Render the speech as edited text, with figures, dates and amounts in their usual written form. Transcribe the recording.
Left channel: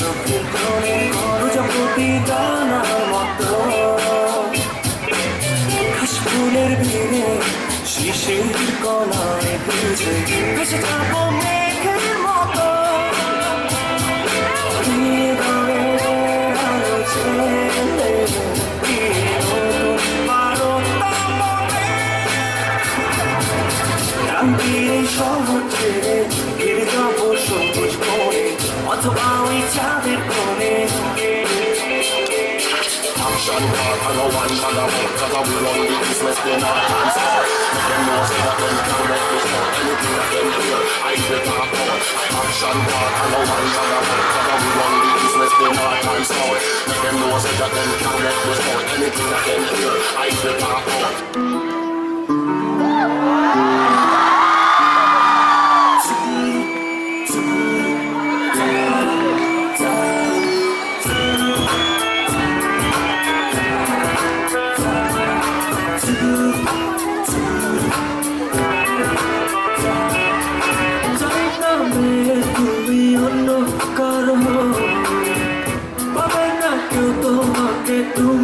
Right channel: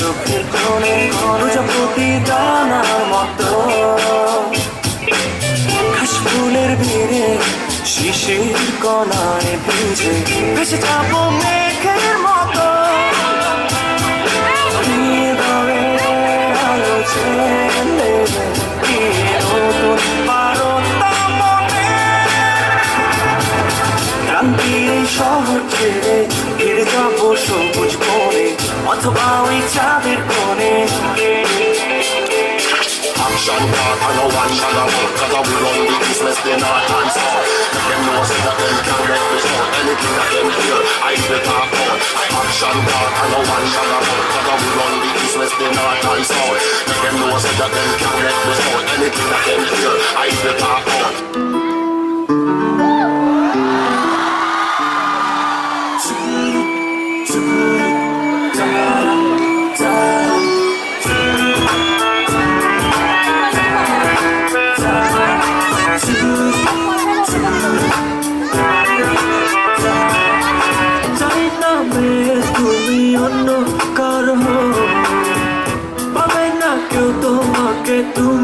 চোখের কোণে প্রজাপতি দানার মতো ঘাস ফুলের ভিড়ে শিশির কণায় ভিজে ভেসে যাবো মেঘের মতো হৃদয়ে আলো জ্বেলে দিয়ে নতুন বারতা মনে ক্রান্তির এই শহর ছেড়ে ঘিরে যাবো সবুজ বনে অথবা ওই চাঁদের কোণে Action talk and no one shall have it. Cause we run the business, they not answer. Let them know say that them can't let me show. Anything that them hear, I will talk out. Action talk and no one shall have it. Cause we run the business, they not answer. Let them know say that them can't let me show. Anything that them hear, I will talk out. তুমি অন্য কারো পাবে না কেউ তোমাকে তুমি